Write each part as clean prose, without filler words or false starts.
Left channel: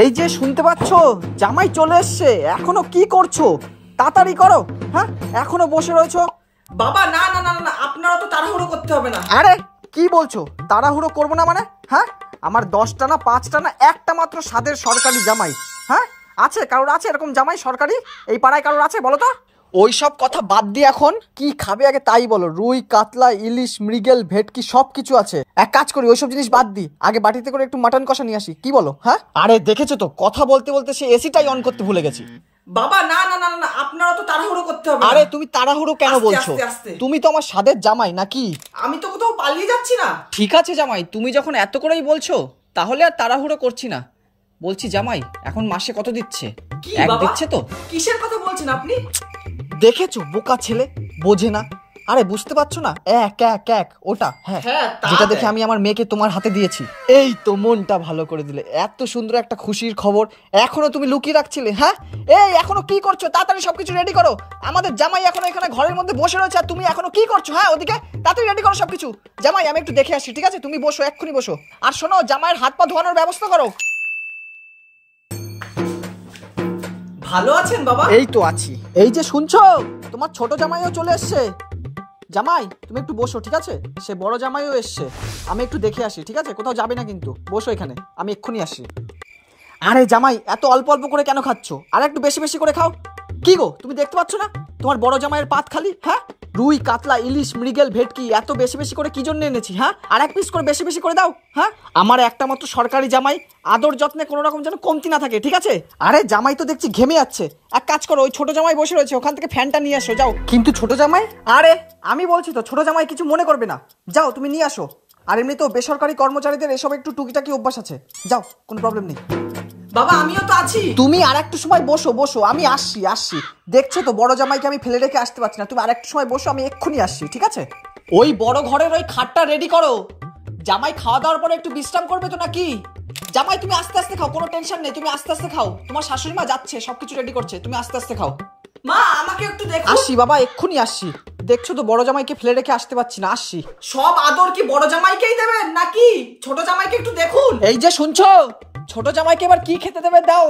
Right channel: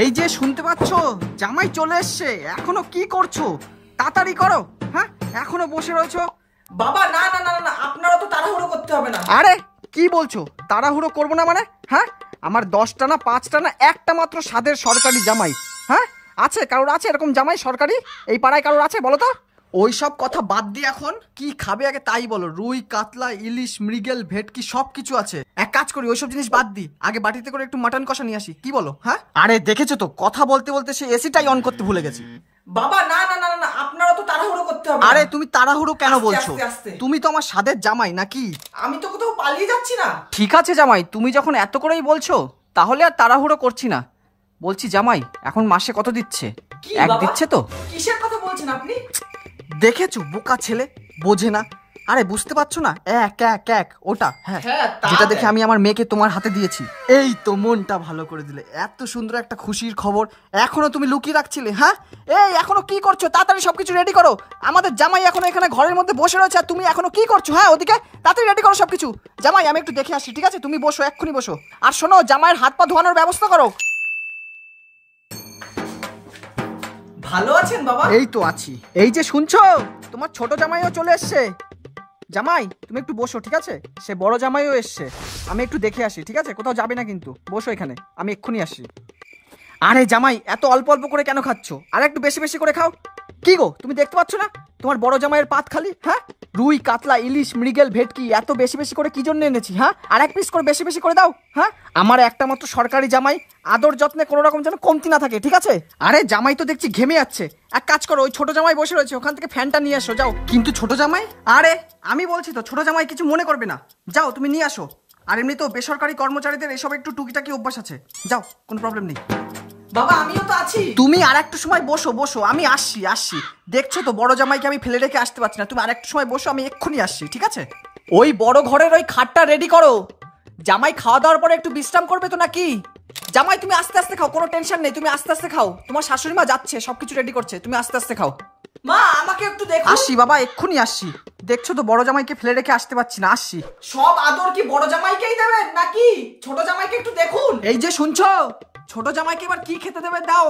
এই যে শুনতে পাচ্ছ, জামাই চলে এসছে, এখনো কি করছো? তাড়াতাড়ি করো। হ্যাঁ, এখনো বসে রয়েছো? বাবা না না না না, আপনারা তো তাড়াহুড়ো করতে হবে না। আরে কি বলছো? তাড়াহুড়ো করবো না মানে? হ্যাঁ, আমার 10টা না 5টা না একটা মাত্র স্বাদের সরকারি জামাই। হ্যাঁ, আছে কারোর আছে এরকম জামাই সরকারি? এই পাড়ায় কারোর আছে বলো তো? ওই সব কথা বাদ দিয়ে এখন কি খাবে আগে তাই বলো। রুই, কাতলা, ইলিশ, মৃগেল, ভেটকি সব কিছু আছে। এক কাজ করি, ওইসব জিনিস বাদ দিই, আগে বাটিতে করে একটু মাটন কষা নিয়ে আসি, কি বলো? হ্যাঁ, আরে দেখেছো তো, কথা বলতে বলতে সে এসিটাই অন করতে ভুলে গেছি। বাবা না না না না, আপনারা তো তাড়াহুড়ো করতে হবে। আরে তুমি তাড়াহুড়ো কেন বলছো? আস্তে আস্তে। তুমি তো আমার স্বাদের জামাই নাকি? আমি তো কোথাও পালিয়ে যাচ্ছি না। ঠিক আছে জামাই, তুমি যখন এত করেই বলছো তাহলে আর তাড়াহুড়ো করছি না। বলছি জামাই, এখন মাসে কত দিচ্ছে? কি এক বাবা দিচ্ছে তো? কিসের কথা বলছেন আপনি? দেখেছো বোকা ছেলে, বোঝে না। আরে বুঝতে পারছো না? এক এক এক ওটা। হ্যাঁ, যেটা দেখে আমি আমার মেয়েকে তোমার হাতে দিয়েছি। এই তো মনটা ভালো করে দিলে। এত সুন্দর একটা খুশির খবর এখনো তুমি লুকিয়ে রাখছিলে? হ্যাঁ, এই এখনো কি করছো? তাড়াতাড়ি সবকিছু রেডি করো। আমাদের জামাই এখনো এখানে ঘরের মধ্যে বসে রয়েছে আর তুমি এখনো কি করছো? হ্যাঁ, ওদিকে তাড়াতাড়ি রেডি করো সবকিছু। জামাই আমি একটু দেখে আসি, ঠিক আছে? তুমি বসো, এক্ষুনি বসো। আর শোনো, জামাইয়ের হাত পা ধোয়ানোর ব্যবস্থা করো। ভালো আছেন বাবা? এই তো আছি। এই যে শুনছো, তোমার ছোট জামাইও চলে এসছে। জামাই তুমি একটু বসো, ঠিক আছে? সে বড় জামাইও এসছে, আমি একটু দেখে আসি, ঠিক আছে? কোথাও যাবে না কিন্তু, বসো এখানে, আমি এক্ষুনি আসি। আরে জামাই, এত অল্প অল্প করে কেন খাচ্ছ? আর একটু বেশি বেশি করে খাও। কি গো, তুমি দেখতে পাচ্ছ না তোমার বড় জামাইয়ের পাত খালি? হ্যাঁ, রুই, কাতলা, ইলিশ, মৃগেল, ভেটকি এত বেশি বেশি করে কি জন্য এনেছি? হ্যাঁ, আর এক পিস করে বেশি বেশি করে দাও। হ্যাঁ, আমার একটা মাত্র সরকারি জামাই, আদর যত্নে কোনো রকম যেন কমতি না থাকে, ঠিক আছে? আরে জামাই তো দেখছি ঘেমে যাচ্ছে, এক কাজ করো, ওই ছোট জামাই বসে রয়েছে, ওখান থেকে ফ্যানটা নিয়ে আসো যাও। কিন্তু ছোট জামাই, আরে আমি বলছি তো, ছোট জামাই কিছু মনে করবে না, যাও তুমি নিয়ে আসো। আর এমনি তো বেসরকারি কর্মচারীদের এসব একটু টুকিটাকি অভ্যাস আছে, যাও, কোনো প্রবলেম নেই। বাবা আমিও তো আছি। তুমি আর একটু সময় বসো, বসো, আমি আসছি। দেখছো তো বড় জামাইকে আমি ফেলে রেখে আসতে পারছি না, তুমি আর একটু সময় বসো, আমি এক্ষুনি আসছি, ঠিক আছে? ওই বড় ঘরের ওই খাটটা রেডি করো। জামাই খাওয়া দাওয়ার পরে একটু বিশ্রাম করবে তো নাকি? জামাই তুমি আস্তে আস্তে খাও, কোনো টেনশন নেই, তুমি আস্তে আস্তে খাও। তোমার শাশুড়ি মা যাচ্ছে, সবকিছু রেডি করছে, তুমি আস্তে আস্তে খাও। মা আমাকে একটু দেখো। আসছি বাবা, এক্ষুনি আসছি। দেখছো তো বড় জামাইকে ফেলে রেখে আসতে পারছি না, আসছি। সব আদর কি বড় জামাইকেই দেবেন নাকি ছোট জামাইকে একটু দেখুন? এই যে শুনছো, ছোট জামাইকে এবার কি খেতে দেবে দাও।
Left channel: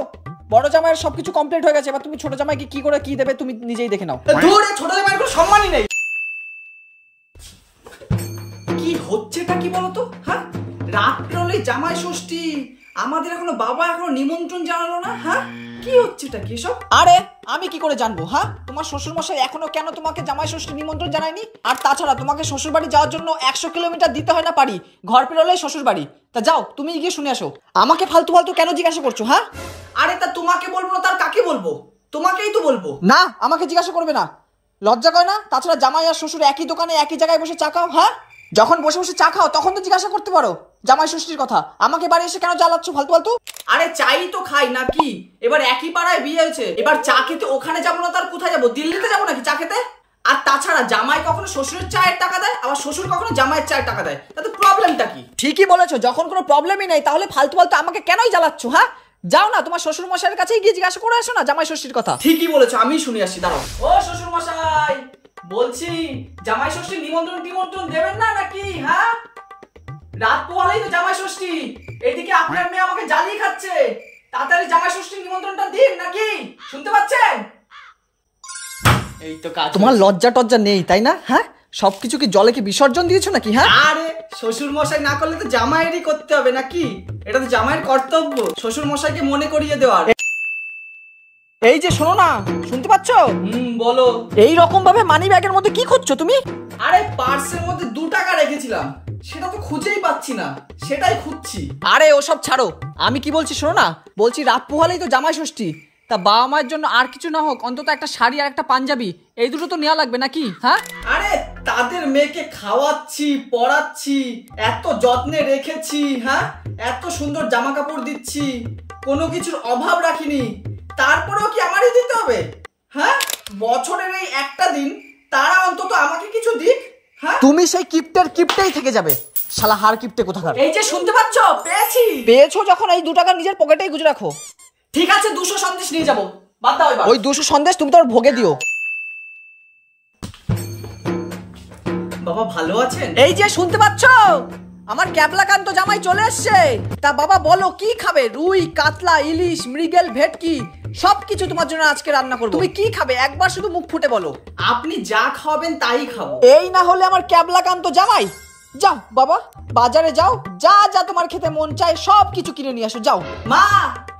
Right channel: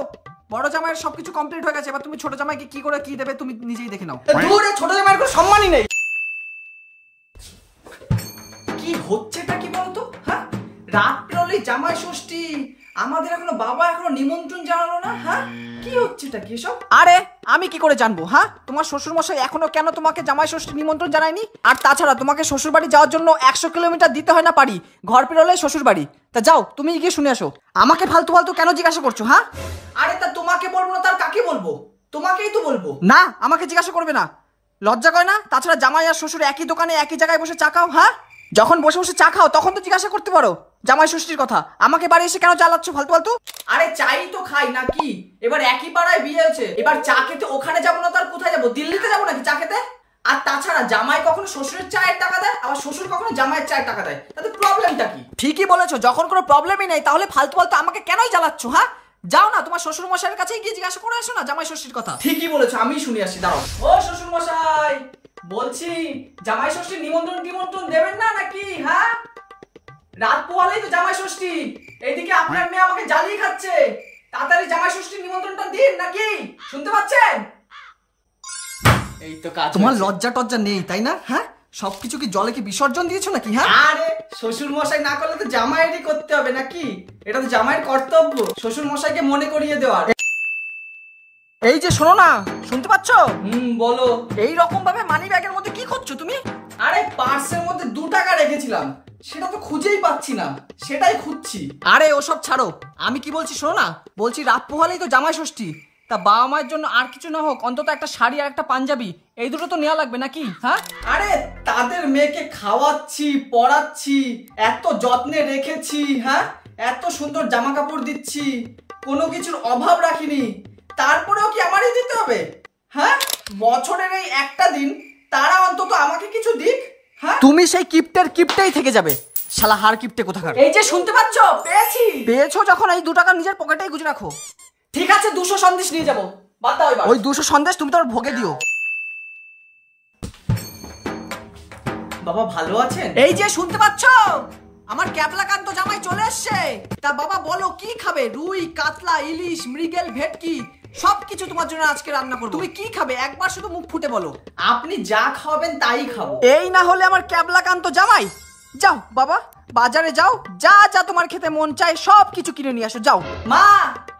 বড় জামাইয়ের সবকিছু কমপ্লিট হয়ে গেছে, এবার তুমি ছোট জামাইকে কি করে কি দেবে তুমি নিজেই দেখে নাও। দূরে ছোট জামাইয়ের কোনো সম্মানই নেই। কি হচ্ছেটা কি বলতো? হ্যাঁ, রাত পেরোলেই জামাই ষষ্ঠী, আমাদের এখনো বাবা এখনো নিমন্ত্রণ জানালো না। হ্যাঁ, কি হচ্ছেটা কি সব? আরে আমি কি করে জানবো? হ্যাঁ, তোমার শ্বশুর মশাই এখনো কেন তোমাকে জামাই ষষ্ঠী নিমন্ত্রণ জানায়নি? আর তাছাড়া তোমাকে শ্বশুর বাড়ি যাওয়ার জন্য 100 কিলোমিটার দিতে হয় না পারি, ঘর পেরোলেই শ্বশুর বাড়ি। তা যাও, তুমি গিয়ে শুনে আসো। আমাকে ফালতু ফালতু কেন জিজ্ঞাসা করছো? হ্যাঁ, আরে তা তোমাকে বলবো না তার কাকে বলবো? তোমাকেই তো বলবো। না, আমাকে জিজ্ঞাসা করবে না, লজ্জা করে না? তাছাড়া জামাই আর শ্বশুর একই দোকানে একই জায়গায় বসে চা খাও। হ্যাঁ, যখন বসে বসে চা খাও তখন তো জিজ্ঞাসা করতে পারো জামাই ষষ্ঠীর কথা। আমাকে বাড়ি এসে কেন জ্বালাচ্ছ ফালতু ফালতু? আরে চাই তো খাই নাকি? এবার একই পাড়ায় বিয়ে হয়েছে, এবার চা খেতে ওখানে যাবো না তার কোথায় যাবো? দিল্লিতে যাবো নাকি চা খেতে? আর তাছাড়া জামাই কখনো শ্বশুরের চায়ের টাকা দেয়, আবার শ্বশুর কখনো জামাইয়ের চায়ের টাকা দেয়, তাতে প্রবলেমটা কি? ঠিকই বলেছো, যখন কোনো প্রবলেমই নেই তাহলে ফালতু ফালতু আমাকে কেনই জ্বালাচ্ছ? হ্যাঁ, যাও না তোমার শ্বশুর মশাইয়ের কাছেই গিয়ে জিজ্ঞাসা করে আসো না জামাই ষষ্ঠীর কথা। ঠিকই বলেছো, আমি শুনে আসি, দাঁড়াও। ও শ্বশুর মশাই, বলছি জামাই ষষ্ঠীর নিমন্ত্রণ দেবেন না নাকি? হ্যাঁ, রাত পোহালেই তো জামাই ষষ্ঠী, এইদিকে আপনার মেয়ে আমাকে জ্বালিয়ে খাচ্ছে, তাড়াতাড়ি জামাই ষষ্ঠীর নিমন্ত্রণটা দিন নাকি? শুনতে পাচ্ছেন? এই তো কাজ। তোমার লজ্জা টজ্জা নেই তাই না? হ্যাঁ, সবকিছু কি জলে কি বিসর্জন দিয়েছো নাকি? হ্যাঁ, আরে শ্বশুর মশাই না করলে তো জামাইয়েরই করতে হবে নাকি? এটা তো জামাইয়ের কর্তব্য শ্বশুর মশাইকে মনে করিয়ে দেওয়ার। এই যে শোনো না, শুনতে পাচ্ছ? বলো। এই রকম ভাবে মানি ব্যাগের মধ্যে কি করছো তুমি? আরে পার্সের মধ্যে 2 টাকা রেখেছিলাম, সেটা তো খুঁজেই পাচ্ছি না, সেটাই খুঁজছি। আরে ওসব ছাড়ো, আমি কি বলছি শোনো না। বলছি রাত পোহালেই তো জামাই ষষ্ঠী, তা বাবা মায়ের জন্য আর কিছু না হোক অন্তত একটা শাড়ি আর একটা পাঞ্জাবি, এই দুটো তো নেওয়া লাগবে নাকি? হ্যাঁ, আরে তাদের মেয়েকে খাওয়াচ্ছি, পড়াচ্ছি, এত যত্নে রেখেছি, হ্যাঁ, এত সুন্দর জামা কাপড় দিচ্ছি, কোনো কিছুর অভাব রাখিনি, তারপরেও কি আমারই দিতে হবে? হ্যাঁ, বছরের এই একটা দিন তারা অন্তত আমাকে কিছু দিক। হ্যাঁ, তুমি সেই কিপটেই থেকে যাবে, শালা হার কিপটে কোথাকার। এই যে শুনতে পাচ্ছ, পেয়েছো যখন এই 2 টাকা নিজের পকেটেই গুজে রাখো। ঠিক আছে, 200 সন্দেশ নিয়ে যাবো, বাদ দাও এবার। ওই 200 সন্দেশ তুমি তোর ভোগে দিও। বাবা ভালো আছেন? এই যে শুনতে পাচ্ছ, আমার ক্যাবলাকান্ত জামাই চলে এসছে। তা বাবা বলো কি খাবে? রুই, কাতলা, ইলিশ, মৃগেল, ভেটকি সবকিছু তোমার জন্য আজকে রান্না করবো। তুমি কি খাবে একবার শুধু মুখ ফুটে বলো। আপনি যা খাওয়াবেন তাই খাবো। এই না হলে আমার ক্যাবলাকান্ত জামাই। যাও বাবা, বাজারে যাও, যা যা তোমার খেতে মন চায় সব কিছু কিনে নিয়ে আসো, যাও। মা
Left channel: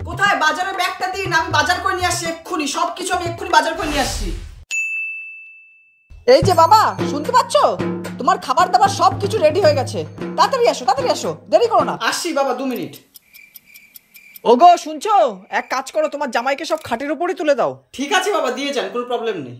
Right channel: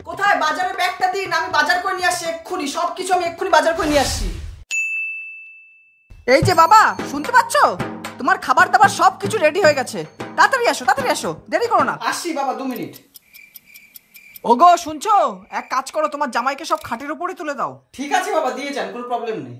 কোথায় বাজারের ব্যাগটা দিন, আমি বাজার করে নিয়ে আসছি এক্ষুনি, সবকিছু আমি এক্ষুনি বাজার করে নিয়ে আসছি। এই যে বাবা, শুনতে পাচ্ছ? তোমার খাবার দাবার সবকিছু রেডি হয়ে গেছে, তাড়াতাড়ি আসো, তাড়াতাড়ি আসো, দেরি করো না। আসছি বাবা, 2 মিনিট। ওগো শুনছো, এক কাজ করো, তোমার জামাইকে সব খাটের উপরই তুলে দাও। ঠিক আছে বাবা, দিয়ে যান, কোনো প্রবলেম নেই।